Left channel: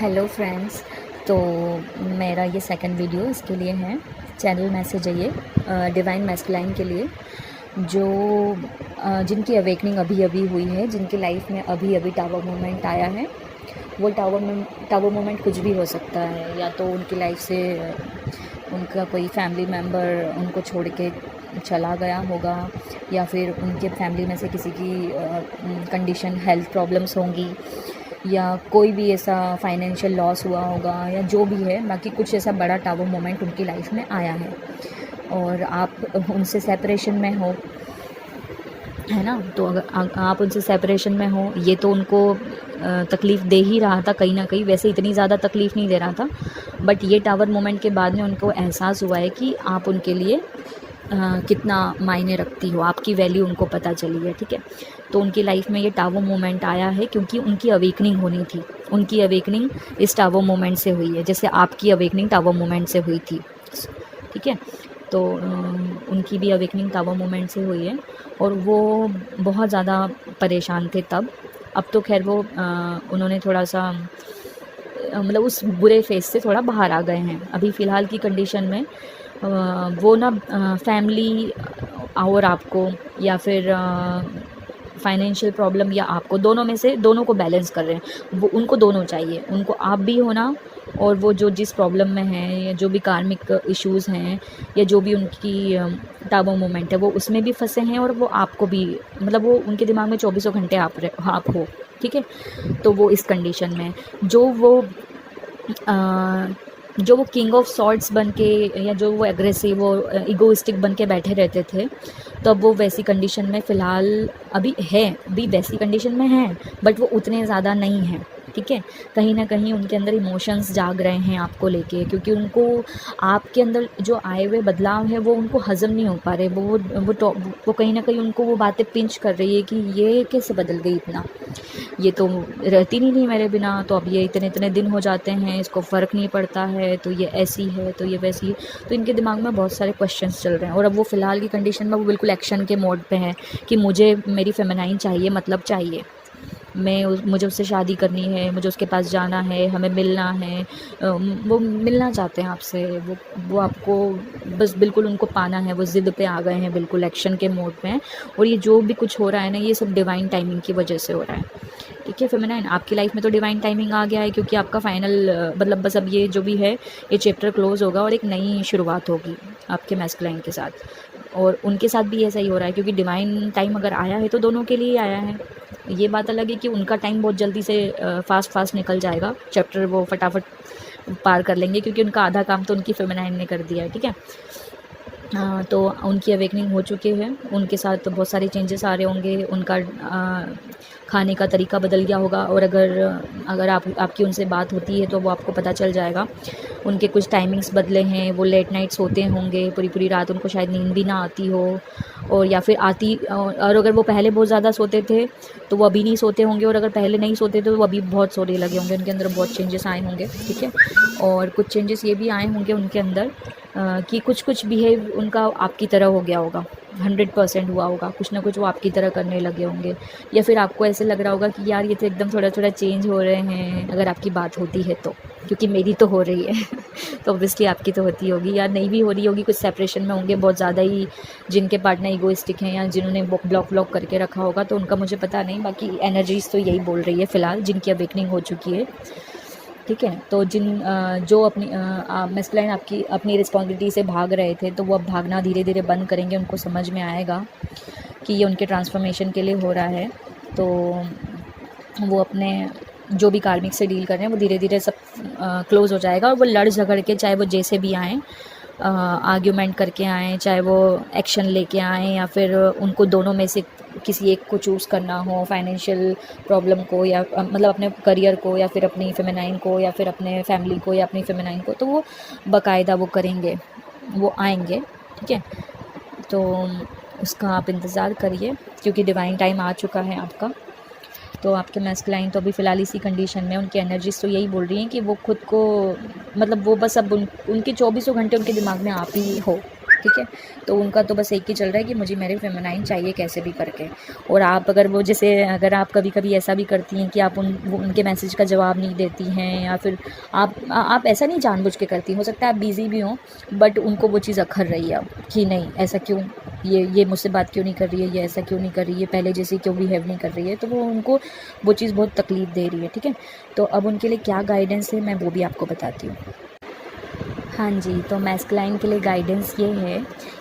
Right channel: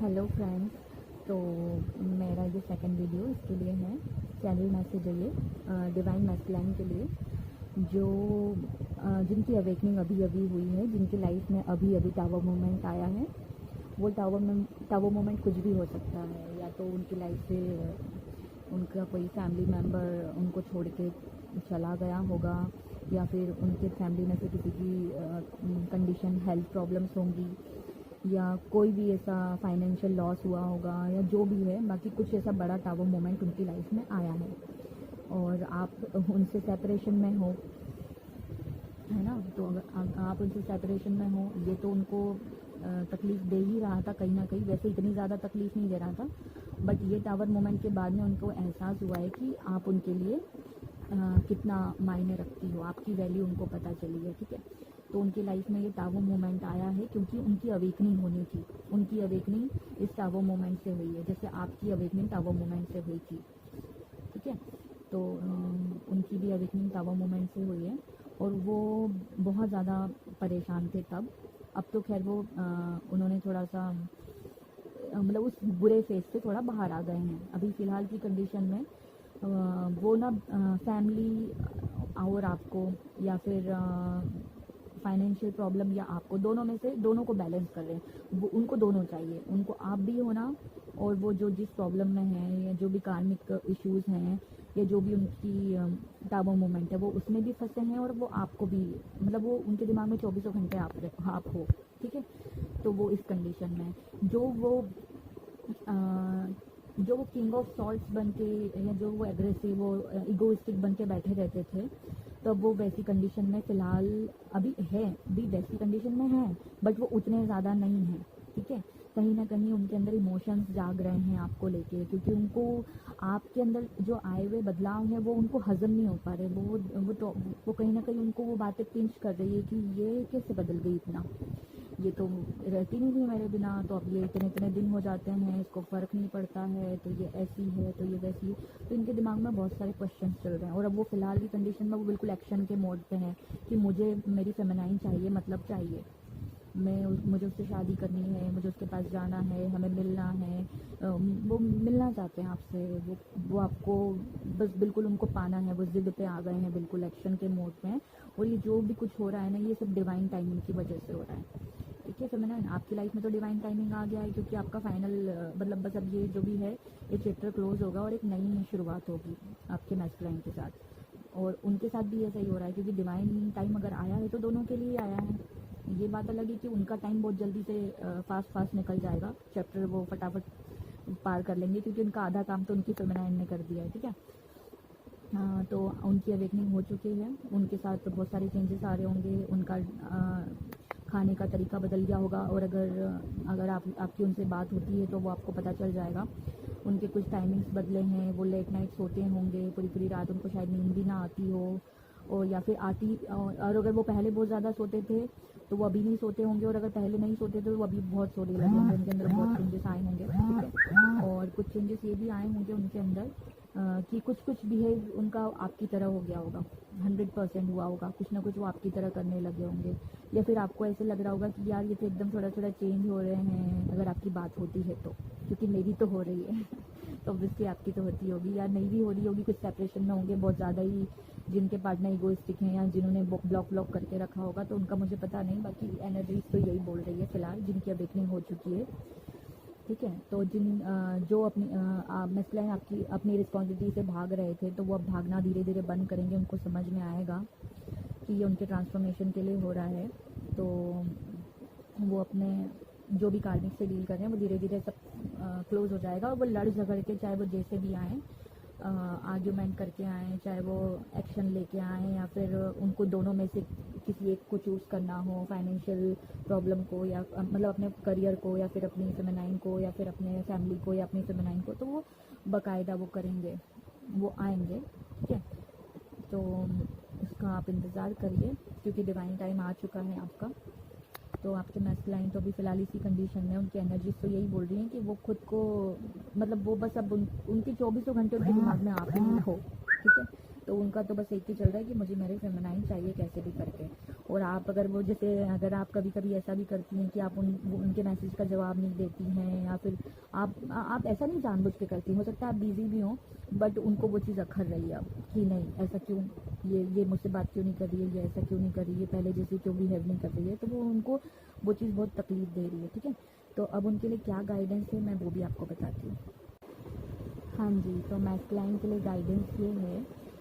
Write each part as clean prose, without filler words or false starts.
Hello friends. तो मेरा ये सेकंड वीडियो इसके लिए है, चैनल मैसेज है ये डिवाइन मैस्कुलाइन के लिए, जो जिनकी अवेकनिंग अभी अभी हुई है, जिनकी लाइफ में अभी अभी टावर मोमेंट आया है। वो टावर मोमेंट कुछ भी हो सकता है, या तो उनकी लाइफ से उनका कोई फैमिली मेम्बर उनको छोड़ के चला गया होगा, या फिर उनके फैमिली में से किसी की कंडीशन हेल्थ प्रॉब्लम्स होंगी, या कोई भी ऐसा फाइनेंशियल लॉस हुआ होगा, या जो भी है, बाकी कुछ ऐसा बड़ा टावर मोमेंट उनकी लाइफ में आया है और आप उनसे सेपरेशन में हो, है ना। तो अगर आप उनसे सेपरेशन में हो, ये तो उनको तकलीफ़ दे ही रहा था कहीं ना कहीं, वैसे इतनी ज़्यादा तकलीफ़ नहीं दे रहा था, बट ये टावर मोमेंट के बाद में उनको एहसास हुआ है कि आप उनके लिए कितना मायने रखती हो, आपकी वैल्यू उनको पता चली है, ठीक है। तो उनकी लाइफ में ये टावर मोमेंट आया है क्योंकि उनकी अवेकनिंग होनी थी। उनकी अवेकनिंग इस टावर मोमेंट से हुई है, जैसे आपकी अवेकनिंग टावर मोमेंट से हुई थी, ठीक है। तो उनकी भी अवेकनिंग टावर मोमेंट से हुई है और वो बहुत ज़्यादा परेशान थे तब। अब तो खैर वो उन्होंने थोड़ा सा मतलब उस बुरे फेज़ से थोड़ा बाहर आ गए हैं। अभी फ़िलहाल की कंडीशन में वो ना फैमिली और आपको, या फिर फाइनेंशियल प्रॉब्लम या आपको, दोनों में से दोनों को बैलेंस कर रहे हैं। वो उनको दोनों चाहिए, उनको आप भी होना, और वो जो जिस प्रॉब्लम में हैं, या जो भी कार्मिक इश्यूज़ हैं, या जो भी उनकी टावर मोमेंट है, वो उसमें भी फंसे हैं, और वो आपको भी, मतलब वो उनके दिमाग में चौबीसों घंटे आप हो, ठीक है। तो वो इस कंडीशन में जो वो किंग ऑफ सॉर्ड्स बन के, या जो वो एग्रेसिव और इगोइस्टिक बन के बैठे रहते थे, तो अब वो वैसी कंडीशन में फ़िलहाल अभी वैसी कंडीशन में हैं, बट वो उतने ज़्यादा नहीं हैं, ठीक है। कहीं ना कहीं उनके अंदर इमोशंस जाग रहे हैं आपको लेके, क्योंकि उनको आपके अंदर जो आए हुए बदलाव है वो उनको हज़म नहीं हो पा रहे। वो कहीं ना कहीं उनको वो बातें पिंच कर रही है कि ये कैसे बदल गई इतना, ये तो रहती नहीं थी मेरे बिना, तो अब ये इतने इतने दिन हो जाते हैं, इसको फ़र्क नहीं पड़ता है, तो ये ऐसी है, तो ये वैसी है। तो इनके दिमाग में बहुत सारे क्वेश्चंस चल रहे हैं, और अब वो फ़िलहाल की कंडीशन में वो बिल्कुल एक्शन के मोड पे हैं कि मुझे मेरी फेमिनाइन चाहिए, मतलब चाहिए, मुझे उससे शादी करनी है, मुझे उसके पास जाना है, हमें मिलना है। वो मिलना चाहते हैं आपसे, वो आपको बस बिल्कुल उनको पाना है, वो ज़िद पे आ गए हैं, बिल्कुल एक्शन के मोड में हैं। और ये जो भी कुछ हो रहा है ना, ये सब डिवाइन टाइमिंग की वजह से हो रहा है, ठीक है। फेमिनाइन, आपकी लाइफ में तो डिवाइन टाइमिंग आ गया है, क्योंकि आपका फाइनल मतलब बस अब ये जो भी है, ये चैप्टर क्लोज़ होगा और एक नई शुरुआत होगी आपके मैस्कुलाइन के साथ। और उनके साथ भी ऐसा ही हो रहा है, क्योंकि डिवाइन टाइम अगर आया है तो दोनों के लिए ही आया है। ये बात अलग है कि उनका टाइम बहुत जल्दी से फास्ट निकल जाएगा, चैप्टर वो फटाफट पार कर लेंगे, क्योंकि उनका आधा काम तो उनकी फेमिनाइन ने कर दिया है, ठीक है। तो उनकी अवेकनिंग हो चुकी है, उनके साथ तो बहुत सारे चेंजेस आ रहे होंगे, उनका खाने का तरीका बदल गया होगा, और अगर आपकी उनसे बात होती है तो वो आपको पता चल जाएगा। उनके कुछ टाइमिंग्स बदले हैं, वो लेट नाइट सोते होंगे, पूरी पूरी रात उनको शायद नींद भी ना आती हो, और या फिर आती, और अगर वो पहले बहुत ज़्यादा सोते थे तो वो अभी नहीं सोते होंगे, और अगर पहले नहीं सोते थे तो वो अभी बहुत सोने लगे होंगे, उनके अंदर बहुत चेंजेस आए होंगे, ठीक है। और कुछ चेंजेस ये भी आए होंगे उनके अंदर कि कुछ बिहेव उनका आपकी तरह हो गया होगा, 100% हुआ होगा, कुछ ना कुछ वो आपकी तरह करने लगे होंगे, या फिर आपको ऐसे लग रहा होगा कि यार ये तो एकदम थोड़ा थोड़ा चेंज हो रहे हैं, अगर आपकी बात होती है तो, क्योंकि मेरी तो हो रही है तो ऑब्वियसली आपकी तो होती होगी, या नहीं भी हो रही होगी, कुछ सेपरेशन में होंगे बहुत ज़्यादा ही, जिनके पार्टनर ईगोइस्टिक हैं, या जिन्होंने ब्लॉक करके रखा होगा, तो उनका मुझे पता नहीं, बाकी एनर्जीज़ तो यही बोल रही है फ़िलहाल, जिनकी अवेकनिंग हो चुकी है, ठीक है। तो जो अपनी मैस्कुलाइन आपकी अपनी रिस्पॉन्सिबिलिटी से भाग रहे थे, तो वो अब भागना धीरे धीरे बंद करेंगे, उनको समझ में आएगा कि ये उनके ट्रांसफॉर्मेशन के लिए हो रहा है। तो वो अपने जो भी कार्मिक से डील कर रहे हैं, वो धीरे धीरे सब क्लोज़ हो जाएगा, और वो लड़ झगड़ के, चाहे वो जैसे भी आएँ, आर्ग्यूमेंट करके आएँ, चाहे वो एक्शन लेके आएँ, या फिर उनको दोनों में से किसी एक को चूज़ करना हो, फाइनेंशियल प्रॉब्लम को, या मतलब अपने करियर को, या फिर अपनी फेमिनाइन को, या फिर अपने फैमिली को, या अपनी फेमिनाइन को, तो वो बाकायदा वो करेंगे, वो आएंगे, ठीक है। तो उसका आप इंतज़ार करिए, क्योंकि डिवाइन टाइम आ चुका है आपका। तो आपके मैस्कुलाइन तो अभी फ़िलहाल इसी कंडीशन में, उनकी एनर्जीज़ तो यही बोल रही हैं कि वो खुद को, मतलब वो बस अब उनके 24 घंटे उनके दिमाग में आप ही हो, ठीक है। तो उनका तो बस एक ही चल रहा है कि मुझे मेरे फेमिनाइन चाहिए कैसे भी करके। और आप अगर वो जैसे अगर आप कभी कभी ऐसा भी करती हैं कि आप उनके मैसेज का जवाब नहीं देती हैं, या फिर आप ऐसा नहीं जानबूझ के करती, हो सकता है आप बिज़ी भी हों, बट उनको वो चीज़ अखर रही है अब कि नहीं ऐसा क्यों, ये मुझसे बात क्यों नहीं कर रही है, ये ऐसा क्यों नहीं कर रही है, पहले जैसे क्यों बिहेव नहीं कर रही है, तो वो उनको वो चीज़ बहुत तकलीफ़ दे रही है। ठीक है। तो अब उनके लिए क्या गाइडेंस है मैं वो भी आपको बताती हूँ। हाँ जी, तो मैस्कुलाइन के लिए गाइडेंस ये है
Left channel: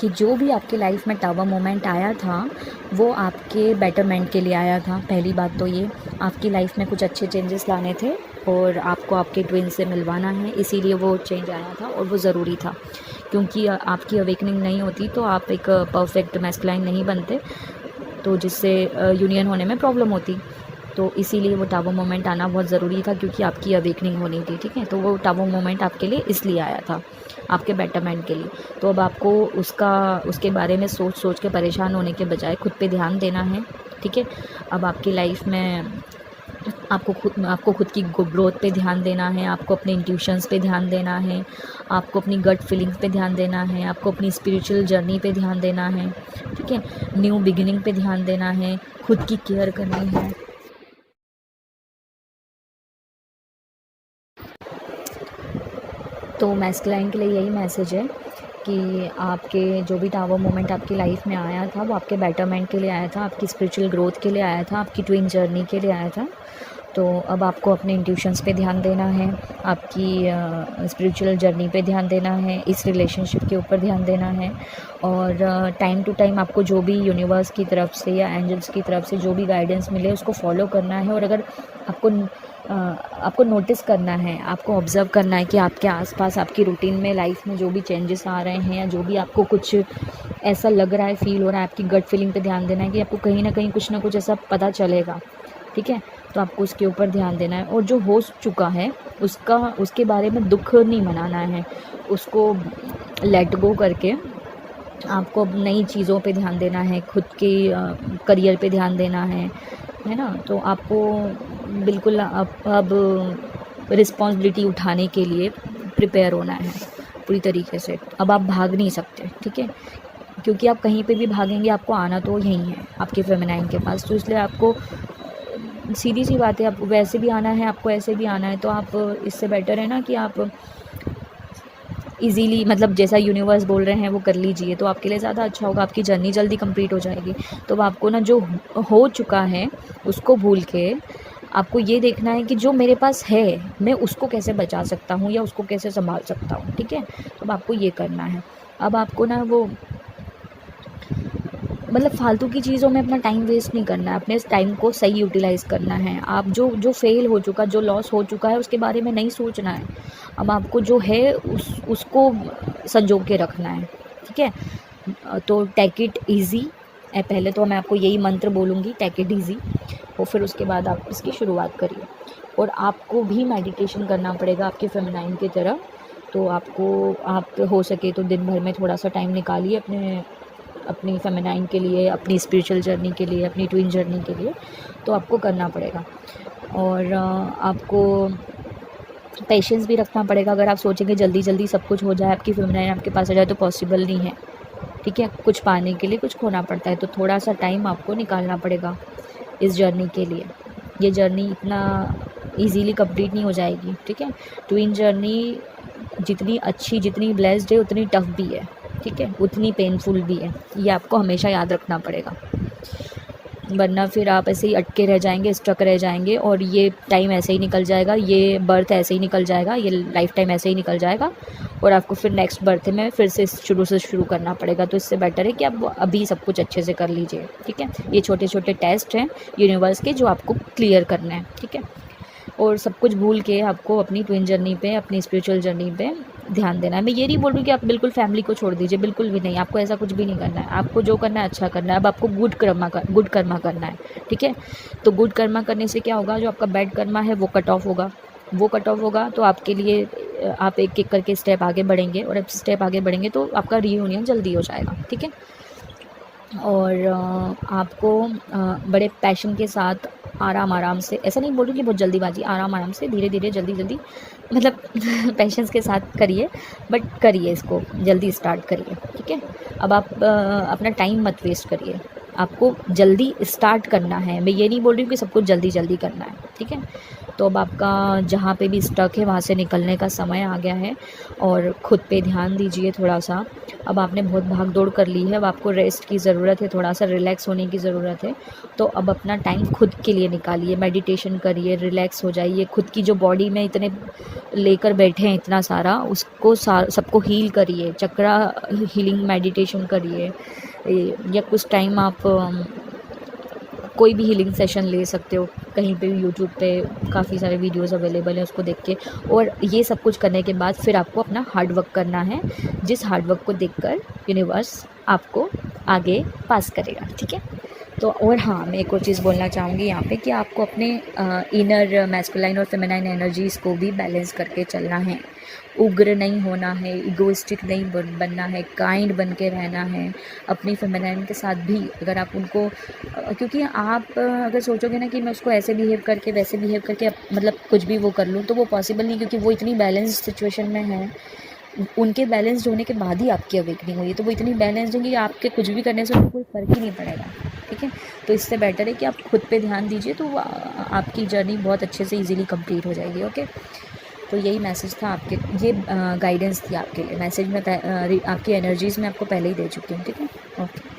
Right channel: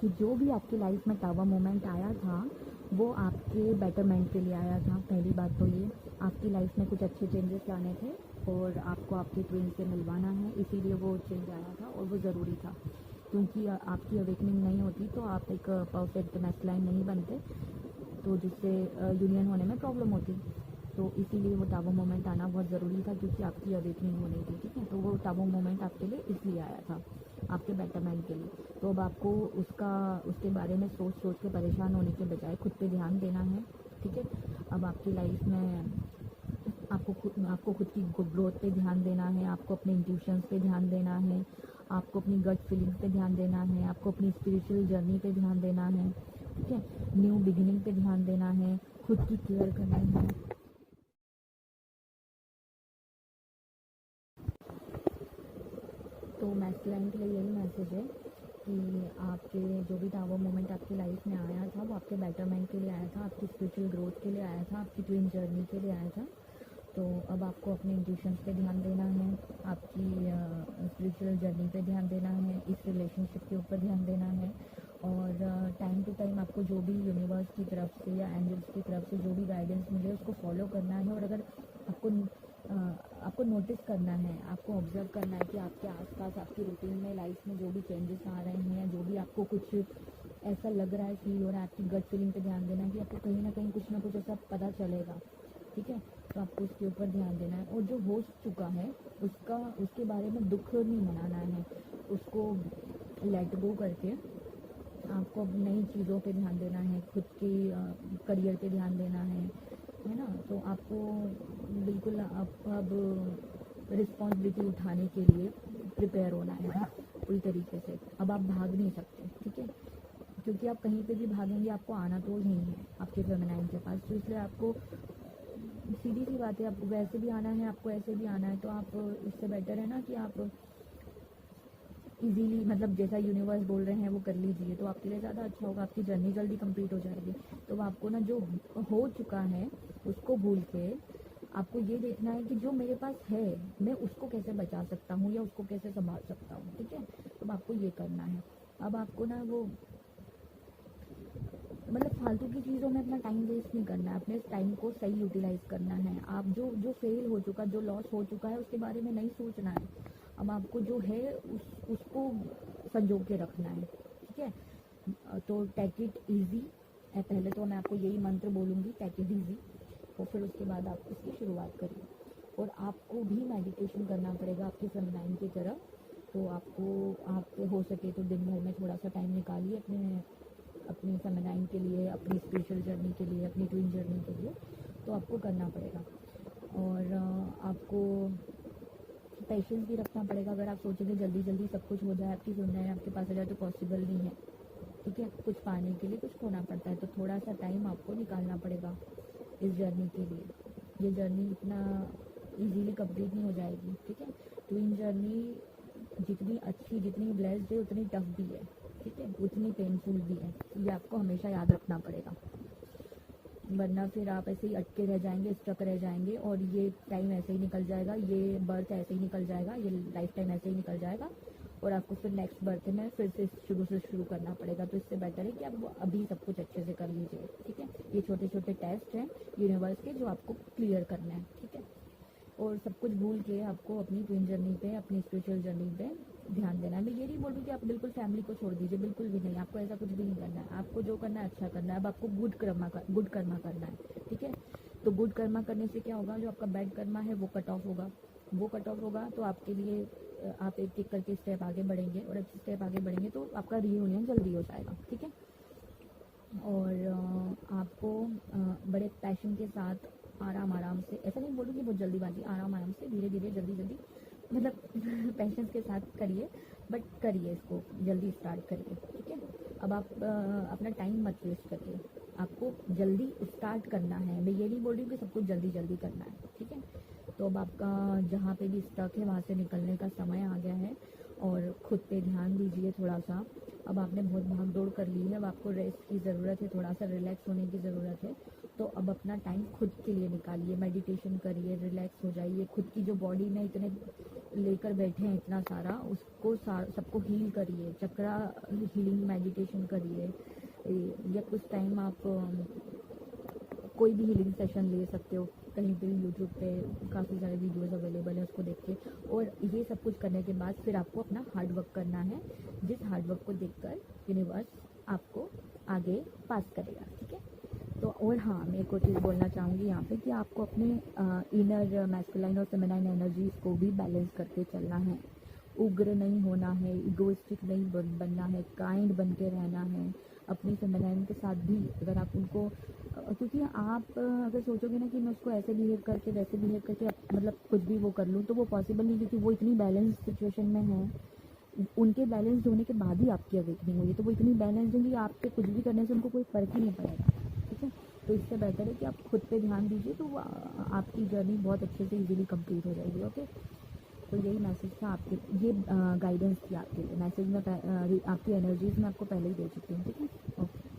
कि जो भी आपकी लाइफ में टावर मोमेंट आया था वो आपके बेटरमेंट के लिए आया था। पहली बात तो ये आपकी लाइफ में कुछ अच्छे चेंजेस लाने थे और आपको आपके ट्विन से मिलवाना है, इसीलिए वो चेंज आया था और वो ज़रूरी था, क्योंकि आपकी अवेकनिंग नहीं होती तो आप एक परफेक्ट मैस्कुलाइन नहीं बनते, तो जिससे यूनियन होने में प्रॉब्लम होती। तो इसीलिए वो टावर मोमेंट आना बहुत ज़रूरी था, क्योंकि आपकी अवेकनिंग होनी थी। ठीक है। तो वो टावर मोमेंट आपके लिए इसलिए आया था, आपके बेटरमेंट के लिए। तो अब आपको उसके बारे में सोच के परेशान होने के बजाय खुद पे ध्यान देना है। ठीक है। अब आपकी लाइफ में आपको खुद की ग्रोथ पे ध्यान देना है, आपको अपने इंट्यूशंस पे ध्यान देना है, आपको अपनी गट फीलिंग्स पे ध्यान देना है, आपको अपनी स्पिरिचुअल जर्नी पे ध्यान देना है। ठीक है। न्यू बिगिनिंग पे ध्यान देना है, खुद की केयर करनी है। तो मैस्कुलाइन के लिए यही मैसेज है कि आपके जो भी टावर मोमेंट आपकी लाइफ में आया था वो आपके बेटरमेंट के लिए आया था, आपकी स्पिरिचुअल ग्रोथ के लिए आया था, आपकी ट्विन जर्नी के लिए आया था। तो अब आपको अपने इंट्यूशंस पे ध्यान देना है, आपकी स्पिरिचुअल जर्नी पे ध्यान देना है, इस रिलेशनशिप के ऊपर ध्यान देना है। और टाइम टू टाइम आपको जो भी यूनिवर्स की तरफ से या एंजल्स की तरफ से जो भी गाइडेंस मिले उसको फॉलो करना है। और अगर आपको नोटिस करना है, आपको ऑब्ज़र्व करना है कि आपके आसपास आपकी रूटीन में लाइफ में जो भी चेंजेस आ रहे हैं या जो भी आपको कुछ ऐसा लग रहा है, फील हो रहा है, आपकी गट फीलिंग पे ध्यान देना है कि आपको कहीं ना कहीं कुछ ना कुछ ऐसा पता चलेगा। ठीक है। तो आपको उसके ऊपर ध्यान देना है, और जो हो चुका है उसके बारे में दुख नहीं मनाना है, उसको लेट गो करके आपको अब नई चीज़ों पे ध्यान देना है, खुद के करियर पे ध्यान देना है ना। तो आपको बिल्कुल अब रिस्पॉन्सिबिलिटी उठाने के लिए प्रिपेयर होना है पूरी तरीके से। अब आप भाग नहीं सकते। ठीक है। क्योंकि आप कहीं पे भी भागेंगे आपको आना तो यहीं है, आपके फेमिनाइन के पास। तो इसलिए आपको सीधी सी बात है, आप वैसे भी आना है, आपको ऐसे भी आना है। तो आप इससे बेटर है ना कि आप इजीली, मतलब जैसा यूनिवर्स बोल रहे हैं वो कर लीजिए, तो आपके लिए ज़्यादा अच्छा होगा, आपकी जर्नी जल्दी कंप्लीट हो जाएगी। तो अब आपको ना जो हो चुका है उसको भूल के आपको ये देखना है कि जो मेरे पास है मैं उसको कैसे बचा सकता हूँ या उसको कैसे संभाल सकता हूँ। ठीक है। तो अब आपको ये करना है। अब आपको ना वो मतलब फालतू की चीज़ों में अपना टाइम वेस्ट नहीं करना है, अपने इस टाइम को सही यूटिलाइज़ करना है। आप जो फेल हो चुका, जो लॉस हो चुका है उसके बारे में नहीं सोचना है। अब आपको जो है उसको संजो के रखना है। ठीक है। तो टेक इट ईज़ी। पहले तो मैं आपको यही मंत्र बोलूँगी, टेक इट ईज़ी, और फिर उसके बाद आप इसकी शुरुआत करिए। और आपको भी मेडिटेशन करना पड़ेगा आपके फेमिनाइन की तरह। तो आप हो सके तो दिन भर में थोड़ा सा टाइम निकालिए अपनी फेमिनाइन के लिए, अपनी स्पिरिचुअल जर्नी के लिए, अपनी ट्विन जर्नी के लिए। तो आपको करना पड़ेगा। और आपको पेशेंस भी रखना पड़ेगा। अगर आप सोचेंगे जल्दी जल्दी सब कुछ हो जाए, आपकी फेमिनाइन आपके पास आ जाए, तो पॉसिबल नहीं है। ठीक है। कुछ पाने के लिए कुछ खोना पड़ता है, तो थोड़ा सा टाइम आपको निकालना पड़ेगा इस जर्नी के लिए। ये जर्नी इतना इजीली कंप्लीट नहीं हो जाएगी। ठीक है। ट्विन जर्नी जितनी अच्छी, जितनी ब्लेस्ड है, उतनी टफ भी है। ठीक है। उतनी पेनफुल भी है, ये आपको हमेशा याद रखना पड़ेगा, वरना फिर आप ऐसे ही अटके रह जाएंगे, स्टक रह जाएंगे, और ये टाइम ऐसे ही निकल जाएगा, ये बर्थ ऐसे ही निकल जाएगा, ये लाइफ टाइम ऐसे ही निकल जाएगा, और आपको फिर नेक्स्ट बर्थ में फिर से शुरू करना पड़ेगा। तो इससे बेटर है कि आप अभी सब कुछ अच्छे से कर लीजिए। ठीक है। ये छोटे छोटे टेस्ट हैं यूनिवर्स के जो आपको क्लियर करना है। ठीक है। और सब कुछ भूल के आपको अपनी ट्विन जर्नी पे, अपनी स्पिरिचुअल जर्नी पे ध्यान देना है। मैं ये नहीं बोल रही कि आप बिल्कुल फैमिली को छोड़ दीजिए, बिल्कुल भी नहीं, आपको ऐसा कुछ भी नहीं करना है। आपको जो करना है अच्छा करना है। अब आपको गुड कर्मा करना है। ठीक है। तो गुड कर्मा करने से क्या होगा, जो आपका बैड कर्मा है वो कट ऑफ होगा। तो आपके लिए आप एक एक करके स्टेप आगे बढ़ेंगे, और अब स्टेप आगे बढ़ेंगे तो आपका रीयूनियन जल्दी हो जाएगा। ठीक है। और आपको बड़े पैशन के साथ आराम से, ऐसा नहीं बोल रही कि बहुत जल्दीबाजी, आराम से, धीरे धीरे, जल्दी जल्दी, मतलब पेशेंस के साथ करिए, बट करिए इसको, जल्दी स्टार्ट करिए, ठीक है। अब आप अपना टाइम मत वेस्ट करिए, आपको जल्दी स्टार्ट करना है। मैं ये नहीं बोल रही हूँ कि सब कुछ जल्दी जल्दी करना है, ठीक है। तो अब आपका जहाँ पे भी स्टक है वहाँ से निकलने का समय आ गया है, और ख़ुद पे ध्यान दीजिए थोड़ा सा। अब आपने बहुत भाग दौड़ कर ली है, अब आपको रेस्ट की ज़रूरत है, थोड़ा सा रिलैक्स होने की ज़रूरत है। तो अब अपना टाइम खुद के लिए निकालिए, मेडिटेशन करिए, रिलैक्स हो जाइए, खुद की जो बॉडी में इतने लेकर बैठे हैं इतना सारा, उसको सबको हील करिए, चक्रा हीलिंग मेडिटेशन करिए, या कुछ टाइम आप कोई भी हीलिंग सेशन ले सकते हो, कहीं पे भी यूट्यूब पे काफ़ी सारे वीडियोस अवेलेबल हैं, उसको देख के। और ये सब कुछ करने के बाद फिर आपको अपना हार्ड वर्क करना है, जिस हार्ड वर्क को देखकर यूनिवर्स आपको आगे पास करेगा, ठीक है। तो और हाँ, मैं एक और चीज़ बोलना चाहूँगी यहाँ पे कि आपको अपने इनर मैस्कुलाइन और फेमिनाइन एनर्जीज़ को भी बैलेंस करके चलना है। उग्र नहीं होना है, इगोइस्टिक नहीं बनना है, काइंड बन के रहना है अपनी फेमिनाइन के साथ भी। अगर आप उनको क्योंकि आप अगर सोचोगे ना कि मैं उसको ऐसे बिहेव करके, वैसे बिहेव करके मतलब कुछ भी वो कर लूँ, तो वो पॉसिबल नहीं, क्योंकि वो इतनी बैलेंस सिचुएशन में है। उनके बैलेंस्ड होने के बाद ही आपकी अवेकनिंग हुई है, तो वो इतनी बैलेंस्ड हैं कि आपके कुछ भी करने से उनको कोई फ़र्क ही नहीं पड़ेगा, ठीक है। तो इससे बेटर है कि आप खुद पे ध्यान दीजिए, तो आपकी जर्नी बहुत अच्छे से इजीली कंप्लीट हो जाएगी, ओके। तो यही मैसेज था आपके, ये गाइडेंस थी आपके लिए। मैसेज में आपकी एनर्जीज़ में आपको पहले ही दे चुकी हूँ, ठीक है, ओके।